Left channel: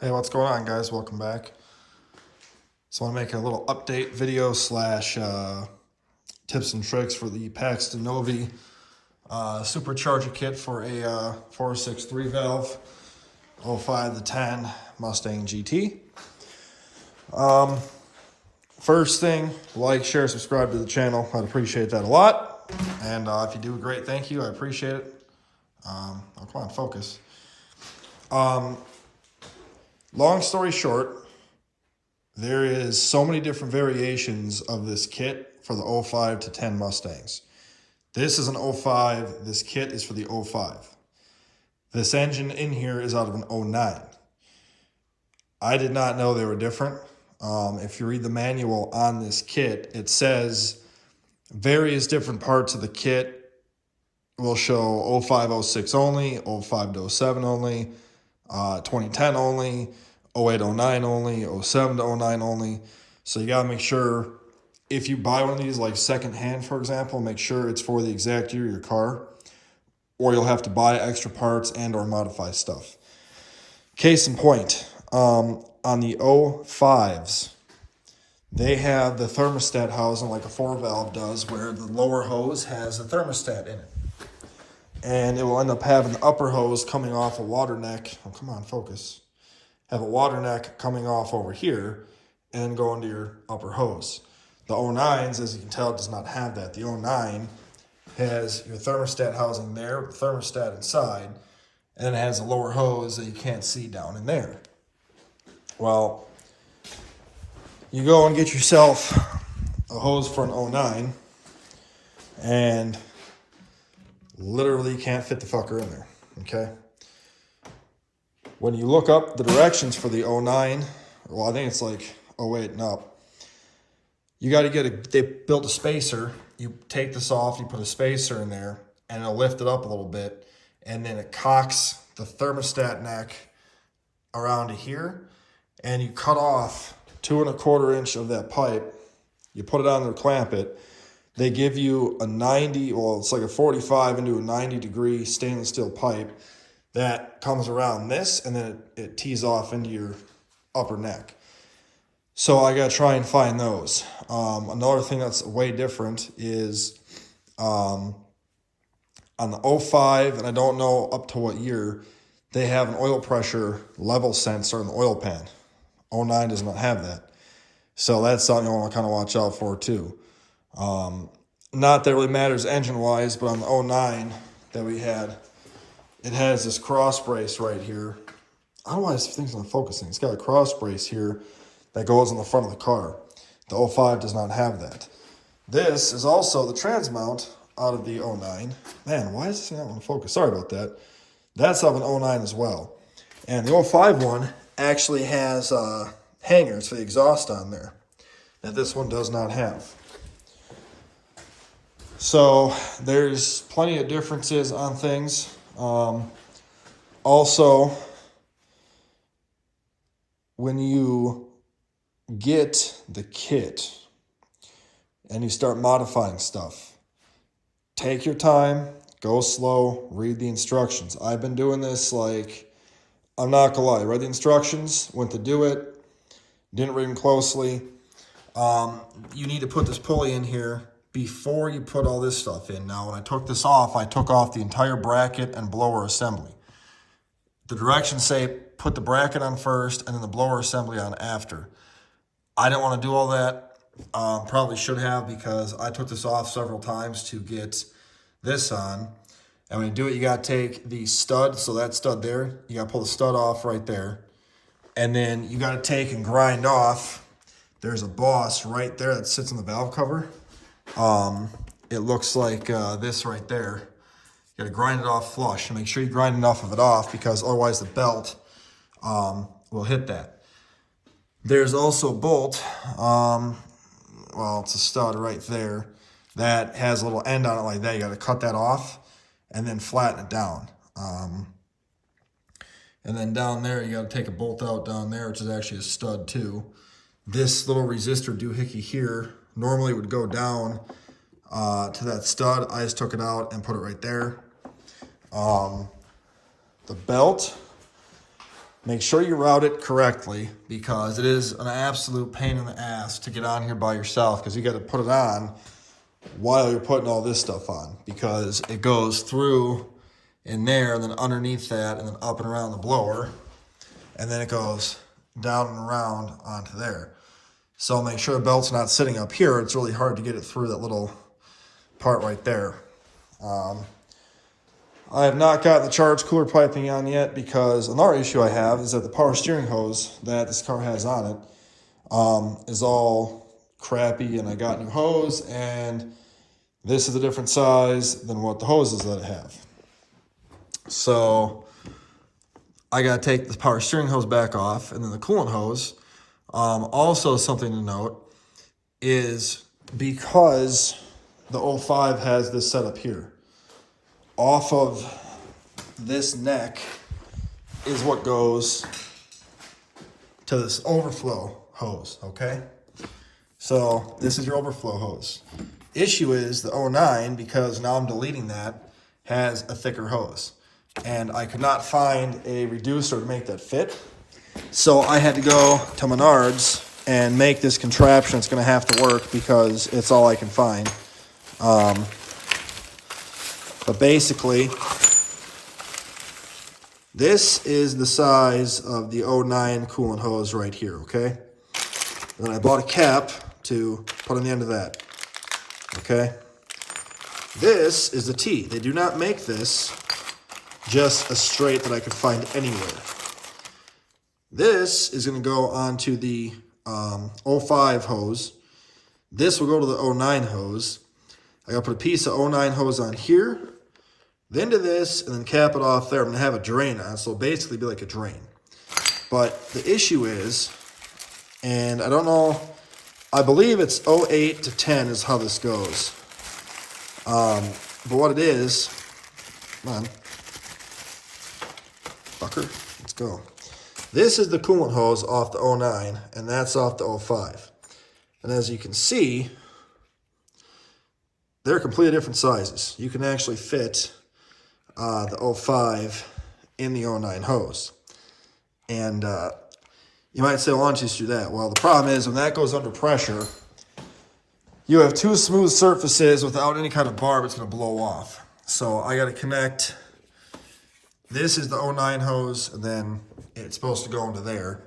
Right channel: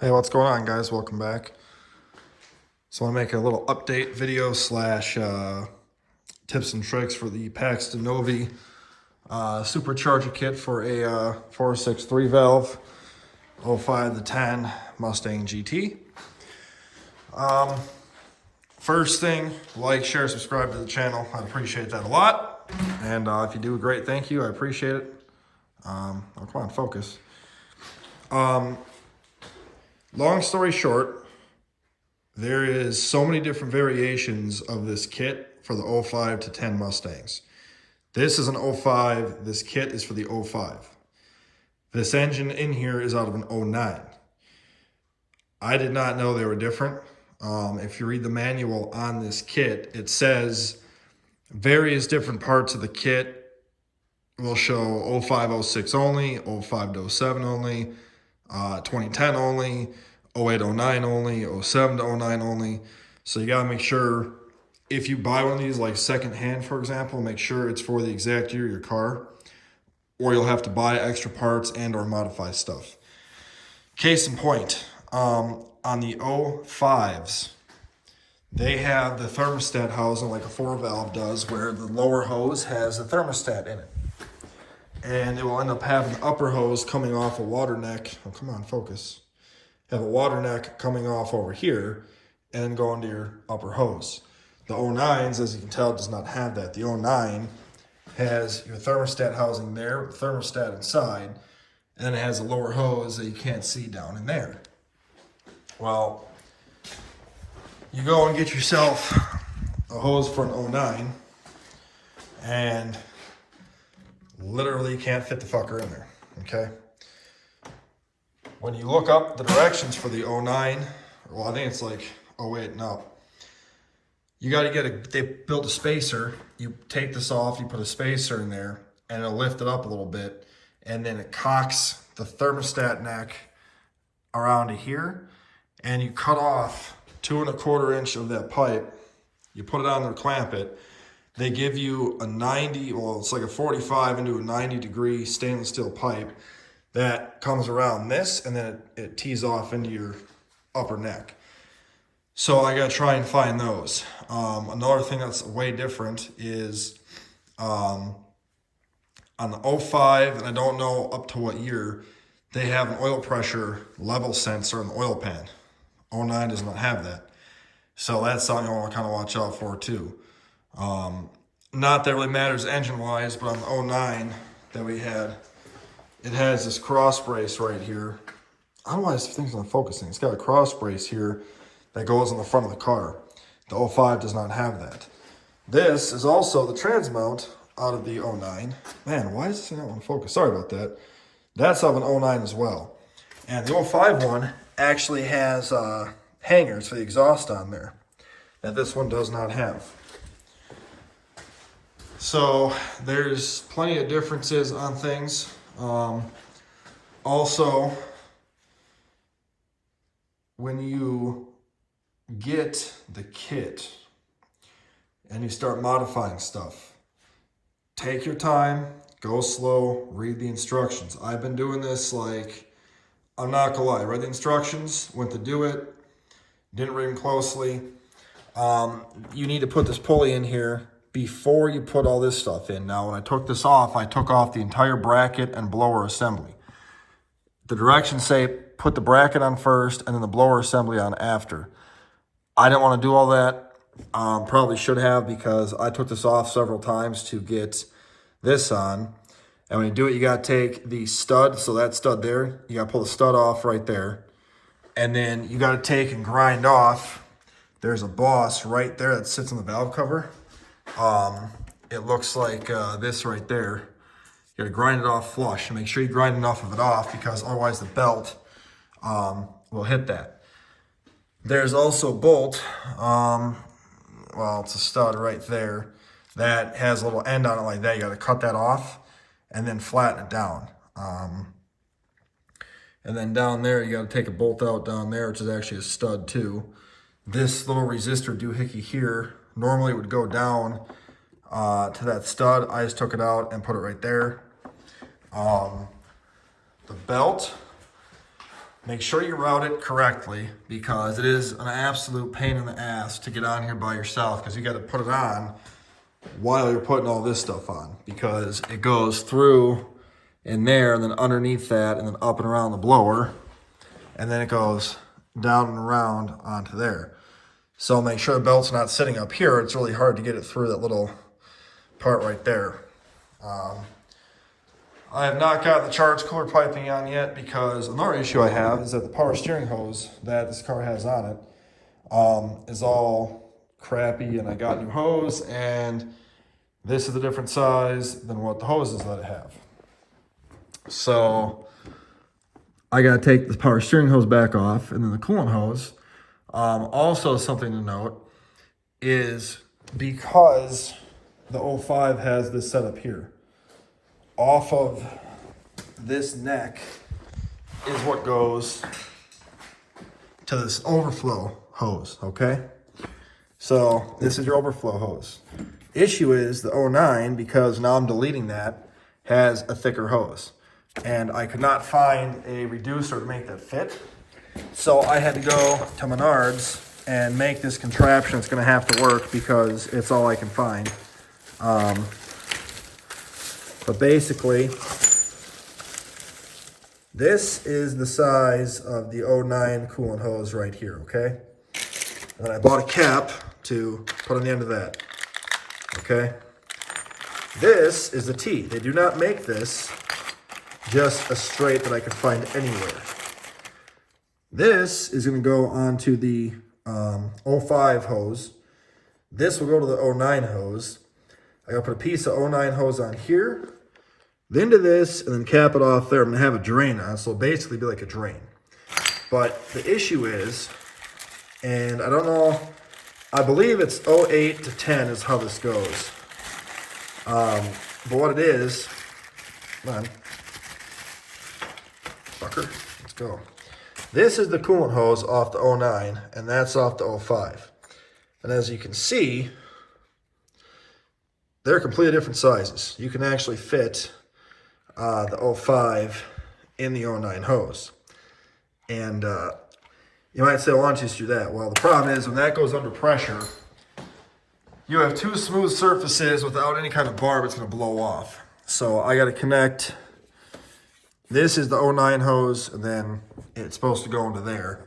Hey, what's going on, guys? Welcome back. So I want to make a little update video slash tips and tricks for the Paxton Novi supercharger kit for a 463 valve 05 to 10 Mustang GT. First thing, like, share, subscribe to the channel. I'd appreciate that a lot. And if you do a great thank you, I appreciate it. Oh, come on, focus. Long story short, there is so many different variations of this kit for the 05 to 10 Mustangs. This is an 05. This kit is for the 05. This engine in here is out of an 09. I did not know they were different. If you read the manual on this kit, it says various different parts of the kit will show 05, 06 only, 05 to 07 only, 2010 only, 08, 09 only, 07 to 09 only. So you gotta make sure if you buy one of these, like secondhand, for example, make sure it's for the exact year of your car, or you'll have to buy extra parts and or modify stuff. Case in point, on the 05s, they have the thermostat housing like a 4-valve does, where the lower hose has a thermostat in it. And it will end up having the upper hose coming off a water neck. Oh, come on, focus. Have a water neck coming off over here and then go into your upper hose. The 09s, as you can tell, does not have that. The 09 has your thermostat housing there, the thermostat inside, and then it has a lower hose that you can't see down in there. Well, you go and get yourself a hose for an 09 and literally can't fit the fucker in there, okay? When you look up the directions for the 09, well, I think it's like 08 and up, you got to get they built a spacer. You take this off, you put a spacer in there, and it'll lift it up a little bit, and then it cocks the thermostat neck around to here, and you cut off 2 1/4 inch of that pipe. You put it on there, clamp it. They give you a 90, well, it's like a 45 into a 90-degree stainless steel pipe that comes around this, and then it tees off into your upper neck. So I gotta try and find those. Another thing that's way different is on the 05, and I don't know up to what year, they have an oil pressure level sensor in the oil pan. 09 does not have that. So that's something I want to kind of watch out for too. Not that it really matters engine-wise, but on the 09 that we had, it has this cross brace right here. I don't know why this thing's not focusing. It's got a cross brace here that goes on the front of the car. The 05 does not have that. This is also the trans mount out of the 09. Man, why is this thing not want to focus? Sorry about that. That's out of an 09 as well. And the 05 one actually has hangers for the exhaust on there that this one does not have. So there's plenty of differences on things. Also, when you get the kit and you start modifying stuff, take your time, go slow, read the instructions. I've been doing this, like, I'm not gonna lie, read the instructions, went to do it, didn't read them closely. You need to put this pulley in here before you put all this stuff in. Now, when I took this off, I took off the entire bracket and blower assembly. The directions say put the bracket on first and then the blower assembly on after. I didn't want to do all that. Probably should have, because I took this off several times to get this on. And when you do it, you got to take the stud, so that stud there, you got to pull the stud off right there. And then you got to take and grind off. There's a boss right there that sits on the valve cover. It looks like this right there. You gotta grind it off flush, and make sure you grind enough of it off, because otherwise the belt will hit that. There's also a bolt, well, it's a stud right there that has a little end on it like that. You gotta cut that off and then flatten it down. And then down there, you gotta take a bolt out down there, which is actually a stud too. This little resistor doohickey here normally would go down to that stud. I just took it out and put it right there. The belt make sure you route it correctly, because it is an absolute pain in the ass to get on here by yourself, because you got to put it on while you're putting all this stuff on, because it goes through in there and then underneath that and then up and around the blower, and then it goes down and around onto there. So make sure the belt's not sitting up here. It's really hard to get it through that little part right there. I have not got the charge cooler piping on yet, because another issue I have is that the power steering hose that this car has on it is all crappy, and I got new hose, and this is a different size than what the hoses that I have. So I got to take the power steering hose back off, and then the coolant hose. Also something to note is, because the 05 has this setup here, off of this neck is what goes to this overflow hose, okay? So this is your overflow hose. Issue is the 09, because now I'm deleting that, has a thicker hose. And I could not find a reducer to make that fit. So I had to go to Menards and make this contraption. It's gonna have to work, because it's all I can find. But basically, this is the size of the 09 coolant hose right here, okay? And then I bought a cap to put on the end of that, okay? This is a T. They do not make this just a straight that I could find anywhere. This is gonna go onto the 05 hose. This will go to the 09 hose. I gotta put a piece of 09 hose on here, then to this, and then cap it off there. I'm gonna have a drain on it, so it'll basically be like a drain. But the issue is, and I don't know, I believe it's 08 to 10 is how this goes. But what it is, come on, fucker, let's go. This is the coolant hose off the 09, and that's off the 05. And as you can see, they're completely different sizes. You can actually fit the 05 in the 09 hose. And you might say, well, why don't you just do that? Well, the problem is, when that goes under pressure, you have two smooth surfaces without any kind of barb. It's going to blow off. So I got to connect. This is the 09 hose, and then it's supposed to go into there.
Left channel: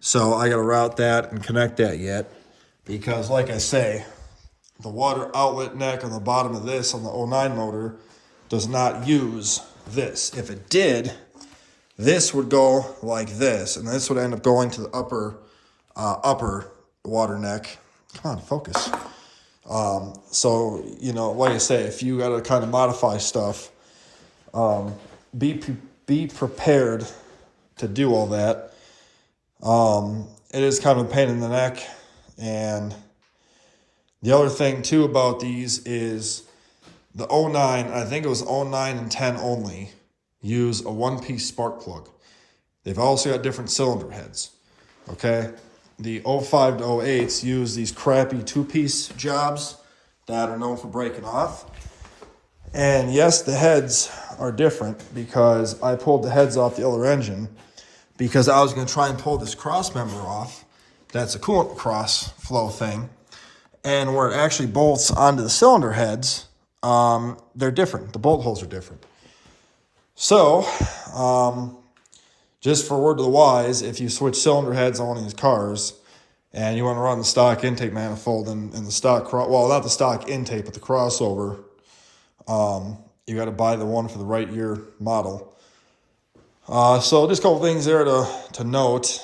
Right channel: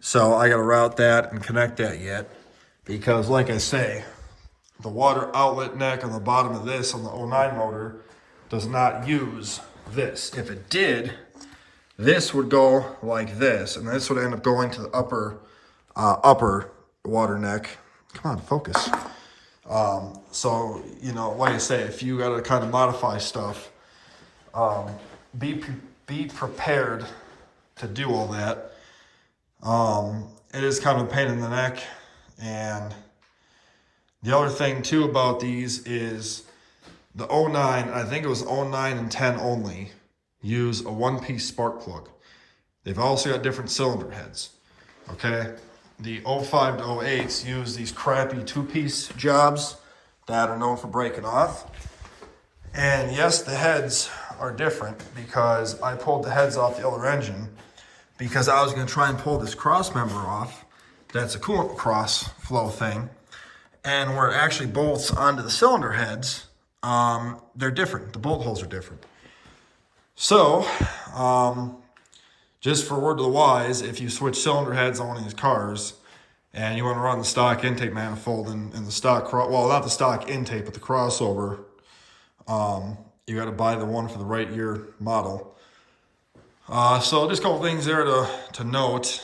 So I got to route that and connect that yet, because like I say, the water outlet neck on the bottom of this on the 09 motor does not use this. If it did, this would go like this, and this would end up going to the upper water neck. Come on, focus. So, you know, like I say, if you got to kind of modify stuff, be prepared to do all that. It is kind of a pain in the neck. And the other thing too about these is the 09, I think it was 09 and 10 only, use a one-piece spark plug. They've also got different cylinder heads, okay? The 05 to 08s use these crappy two-piece jobs that are known for breaking off. And yes, the heads are different, because I pulled the heads off the other engine because I was going to try and pull this cross member off. That's a coolant cross flow thing. And where it actually bolts onto the cylinder heads, they're different. The bolt holes are different. So, just for word to the wise, if you switch cylinder heads on one of these cars and you want to run the stock intake manifold and the stock, well, not the stock intake, but the crossover, you got to buy the one for the right year model. So just a couple things there to note.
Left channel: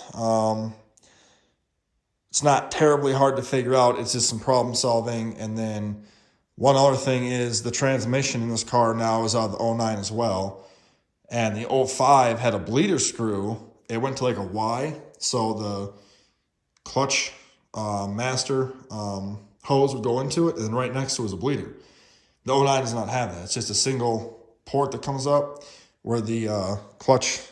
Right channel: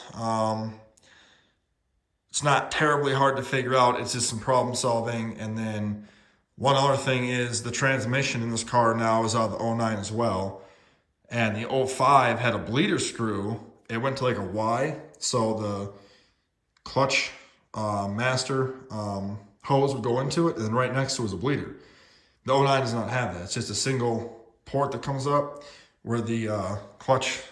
It's not terribly hard to figure out. It's just some problem solving. And then one other thing is the transmission in this car now is out of the 09 as well. And the 05 had a bleeder screw. It went to like a Y. So the clutch master hose would go into it, and then right next to it was a bleeder. The 09 does not have that. It's just a single port that comes up where the clutch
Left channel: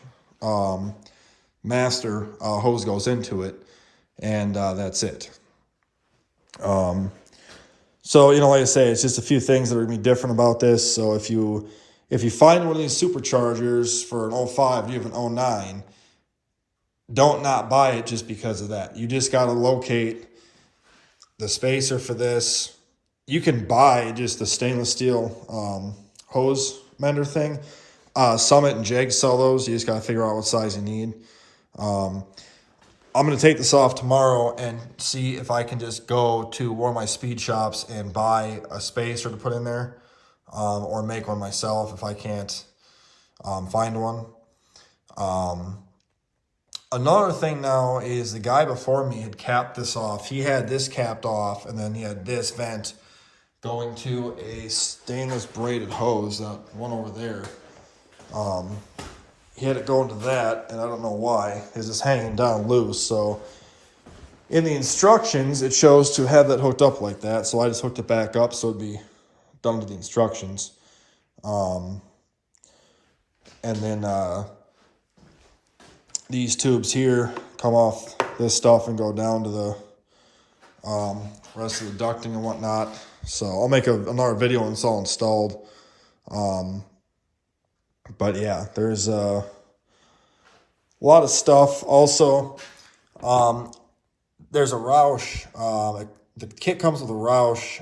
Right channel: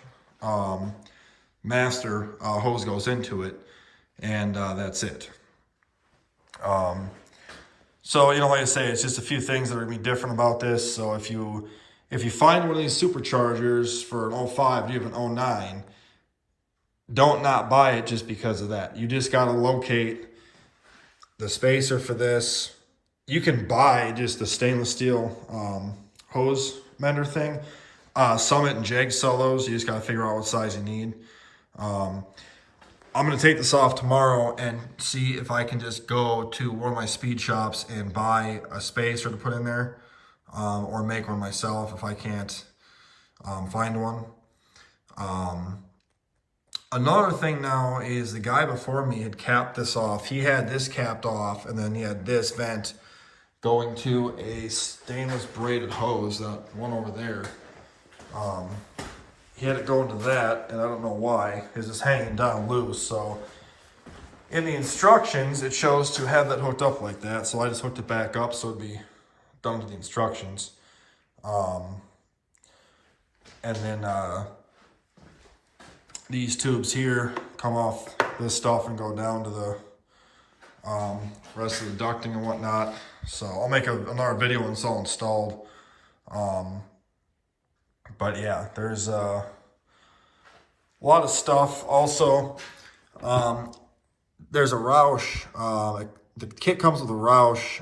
master hose goes into it, and that's it. So, you know, like I say, it's just a few things that are going to be different about this. So if you find one of these superchargers for an 05, you have an 09, don't not buy it just because of that. You just got to locate the spacer for this. You can buy just the stainless steel hose mender thing. Summit and Jag sell those. You just got to figure out what size you need. I'm going to take this off tomorrow and see if I can just go to one of my speed shops and buy a spacer to put in there, or make one myself if I can't find one. Another thing now is the guy before me had capped this off. He had this capped off, and then he had this vent going to a stainless braided hose, that one over there. He had it going to that, and I don't know why. It's just hanging down loose. So in the instructions, it shows to have that hooked up like that. So I just hooked it back up so it'd be done to the instructions. And then these tubes here come off this stuff and go down to the rest of the ducting and whatnot. So I'll make another video when it's all installed. But yeah, there's a lot of stuff. Also, there's a Roush. The kit comes with a Roush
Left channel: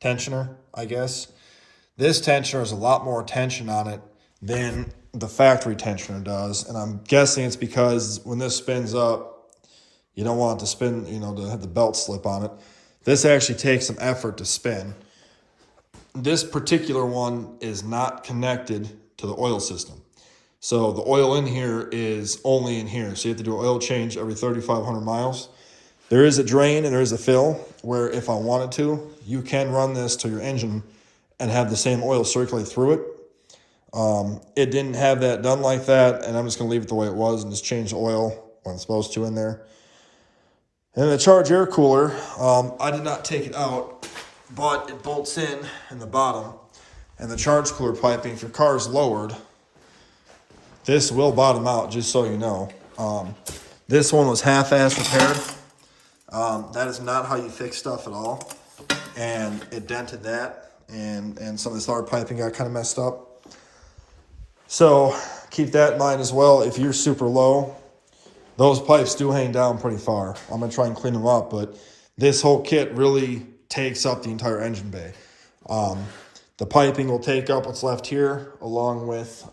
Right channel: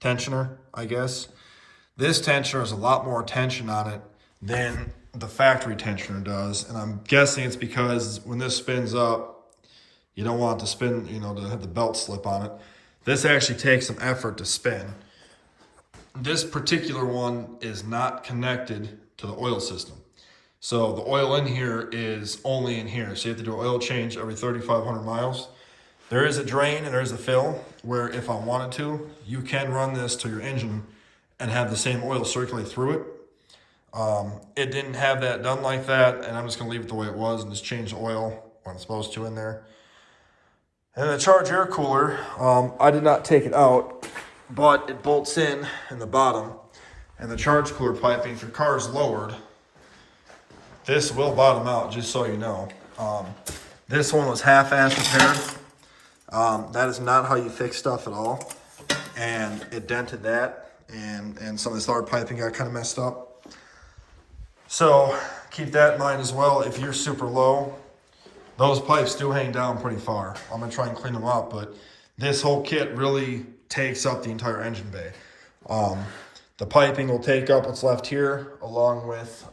tensioner, I guess. This tensioner has a lot more tension on it than the factory tensioner does. And I'm guessing it's because when this spins up, you don't want it to spin, you know, to have the belt slip on it. This actually takes some effort to spin. This particular one is not connected to the oil system. So the oil in here is only in here. So you have to do an oil change every 3,500 miles. There is a drain and there is a fill where if I wanted to, you can run this to your engine and have the same oil circulate through it. It didn't have that done like that, and I'm just gonna leave it the way it was and just change the oil when it's supposed to in there. And the charge air cooler, I did not take it out, but it bolts in the bottom. And the charge cooler piping, if your car is lowered, this will bottom out, just so you know. This one was half-assed repaired. That is not how you fix stuff at all. And it dented that, and some of this hard piping got kind of messed up. So keep that in mind as well. If you're super low, those pipes do hang down pretty far. I'm gonna try and clean them up, but this whole kit really takes up the entire engine bay. The piping will take up what's left here, along with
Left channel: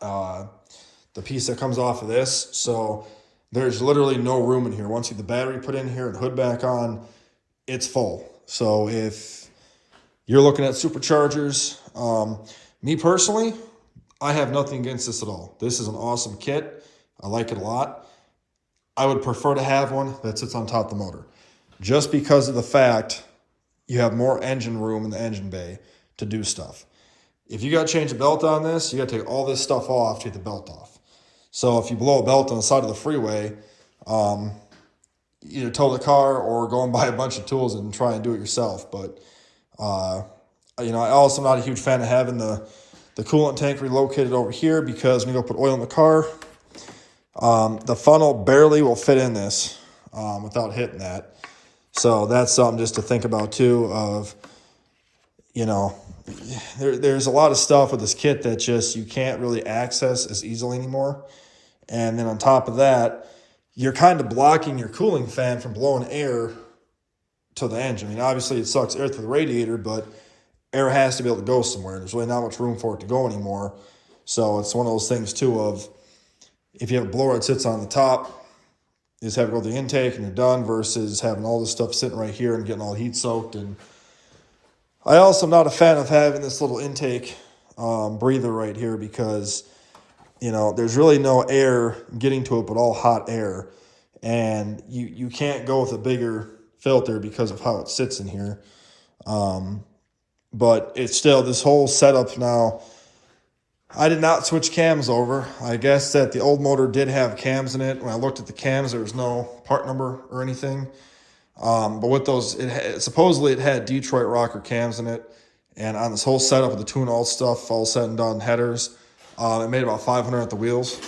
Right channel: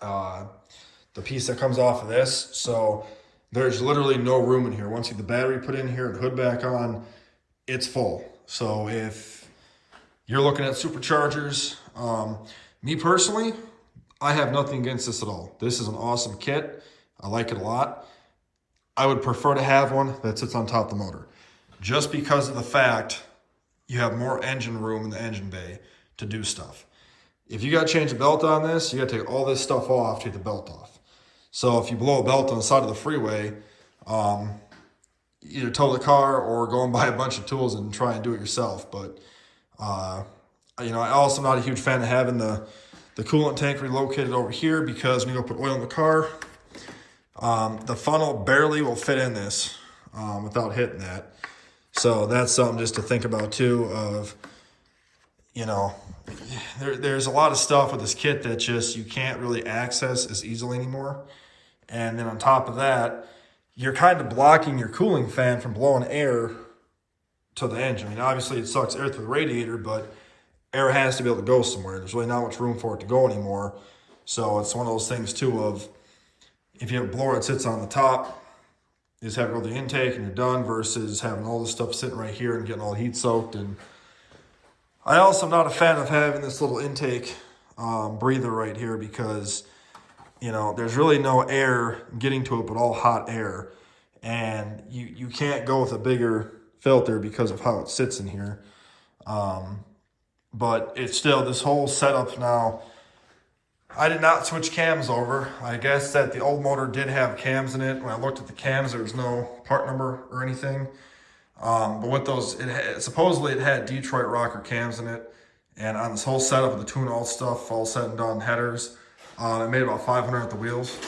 the piece that comes off of this. So there's literally no room in here. Once you get the battery put in here and the hood back on, it's full. So if you're looking at superchargers, me personally, I have nothing against this at all. This is an awesome kit. I like it a lot. I would prefer to have one that sits on top of the motor, just because of the fact you have more engine room in the engine bay to do stuff. If you got to change the belt on this, you got to take all this stuff off to get the belt off. So if you blow a belt on the side of the freeway, either tow the car or go and buy a bunch of tools and try and do it yourself. But you know, I also am not a huge fan of having the coolant tank relocated over here, because when you go put oil in the car, the funnel barely will fit in this without hitting that. So that's something just to think about too, of, you know, there's a lot of stuff with this kit that just you can't really access as easily anymore. And then on top of that, you're kind of blocking your cooling fan from blowing air to the engine. I mean, obviously it sucks air through the radiator, but air has to be able to go somewhere. There's really not much room for it to go anymore. So it's one of those things too of, if you have a blower that sits on the top, you just have it go to the intake and you're done, versus having all this stuff sitting right here and getting all heat soaked. And I also am not a fan of having this little intake breather right here, because, you know, there's really no air getting to it but all hot air. And you can't go with a bigger filter because of how it sits in here. But it's still, this whole setup now, I did not switch cams over. I guess that the old motor did have cams in it. When I looked at the cams, there was no part number or anything. But with those, supposedly it had Detroit rocker cams in it. And on this whole setup of the tune all stuff, all said and done, headers, it made about 500 at the wheels.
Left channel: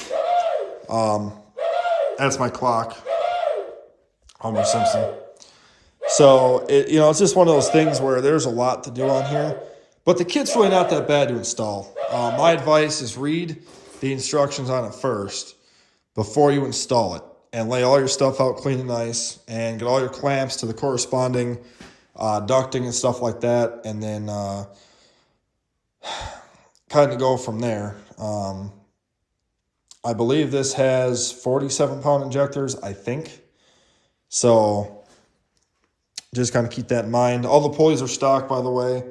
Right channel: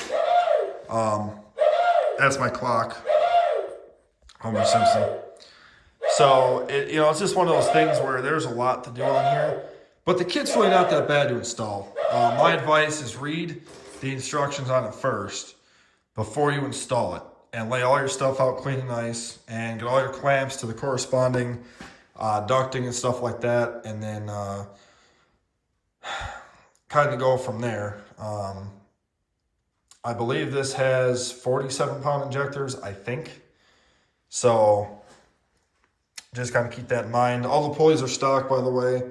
That's my clock. Homer Simpson. So, you know, it's just one of those things where there's a lot to do on here. But the kit's really not that bad to install. My advice is read the instructions on it first. before you install it, and lay all your stuff out clean and nice, and get all your clamps to the corresponding ducting and stuff like that, and then kind of go from there. I believe this has 47-pound injectors, I think. So just kind of keep that in mind. All the pulleys are stock, by the way.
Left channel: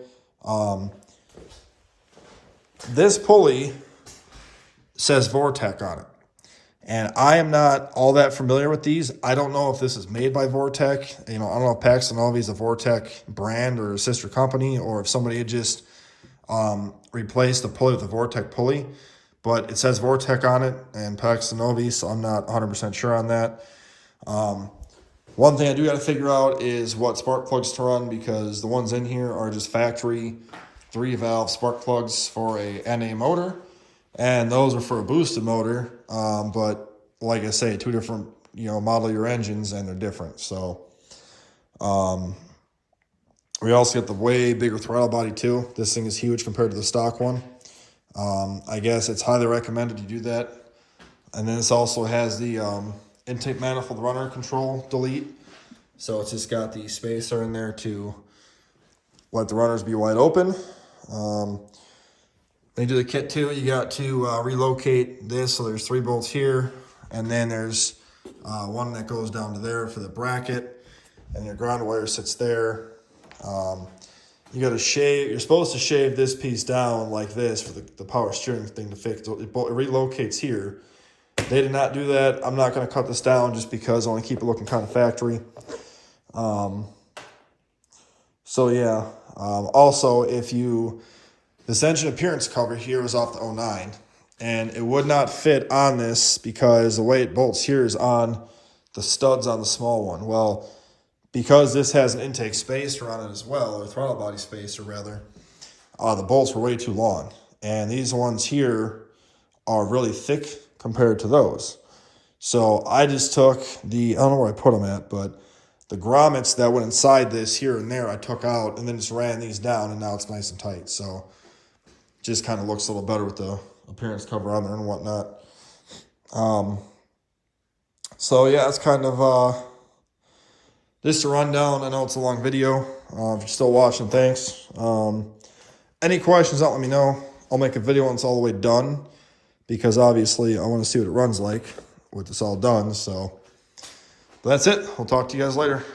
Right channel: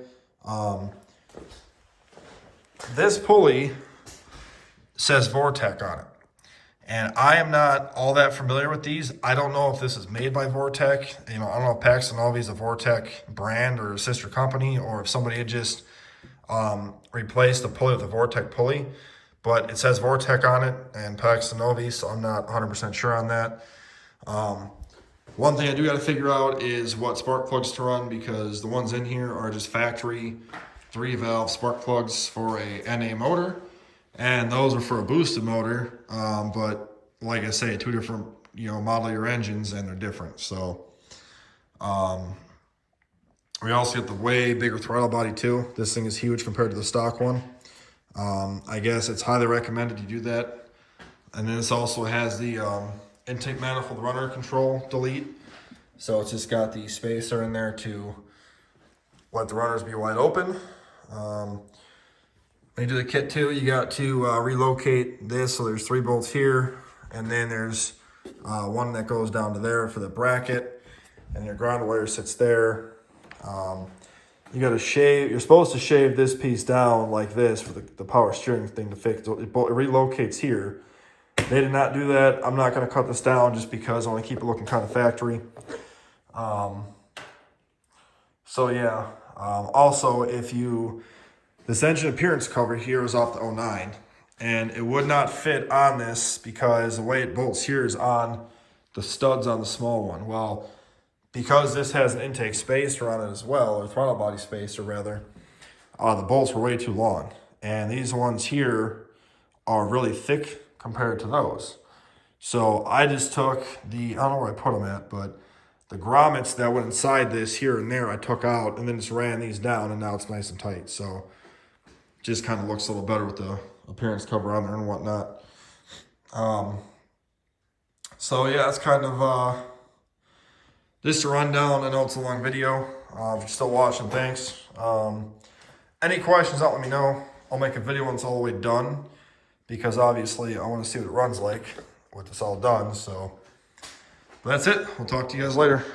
This pulley says Vortec on it. And I am not all that familiar with these. I don't know if this is made by Vortec. You know, I don't know if Paxton Novi is a Vortec brand or a sister company, or if somebody had just replaced the pulley with a Vortec pulley. But it says Vortec on it and Paxton Novi, so I'm not 100% sure on that. One thing I do got to figure out is what spark plugs to run, because the ones in here are just factory 3-valve spark plugs for a NA motor. And those are for a boosted motor, but like I say, 2 different, model year engines, and they're different. So we also get the way bigger throttle body too. This thing is huge compared to the stock one. I guess it's highly recommended to do that. And then this also has the intake manifold runner control delete. So it's just got the spacer in there to let the runners be wide open. When you do the kit too, you got to relocate this. So there's 3 bolts here, and then there's one that goes down to there for the bracket, and the ground wire sits there. You got to shave. You're supposed to shave this piece down like this for the power steering thing to fix. It relocates here. They did not do that. I'm not going to cut this down just because I want to keep it looking kind of factory. So yeah. Also, this engine appearance cover here is off the 09, and it would not fit on this because the way it bolts here is on the studs on the small one. Well, because this has an intake spacer on it as well, or throttle body spacer rather, the bolts were way too long. And these ones here are really thick compared to those. So I just took I don't know where I put them at, but the grommets that went inside this here and there I took out, and then just ran these down, and now it's nice and tight. So just kind of looks a little better with the appearance cover on there and whatnot. So yeah, it's kind of this is a rundown. I know it's a long video. If you're still watching, thanks. Any questions, let me know. I'll make a video when it's all the way done, because obviously I want to see what it runs like with this all done. So but that's it. We'll talk to you guys later.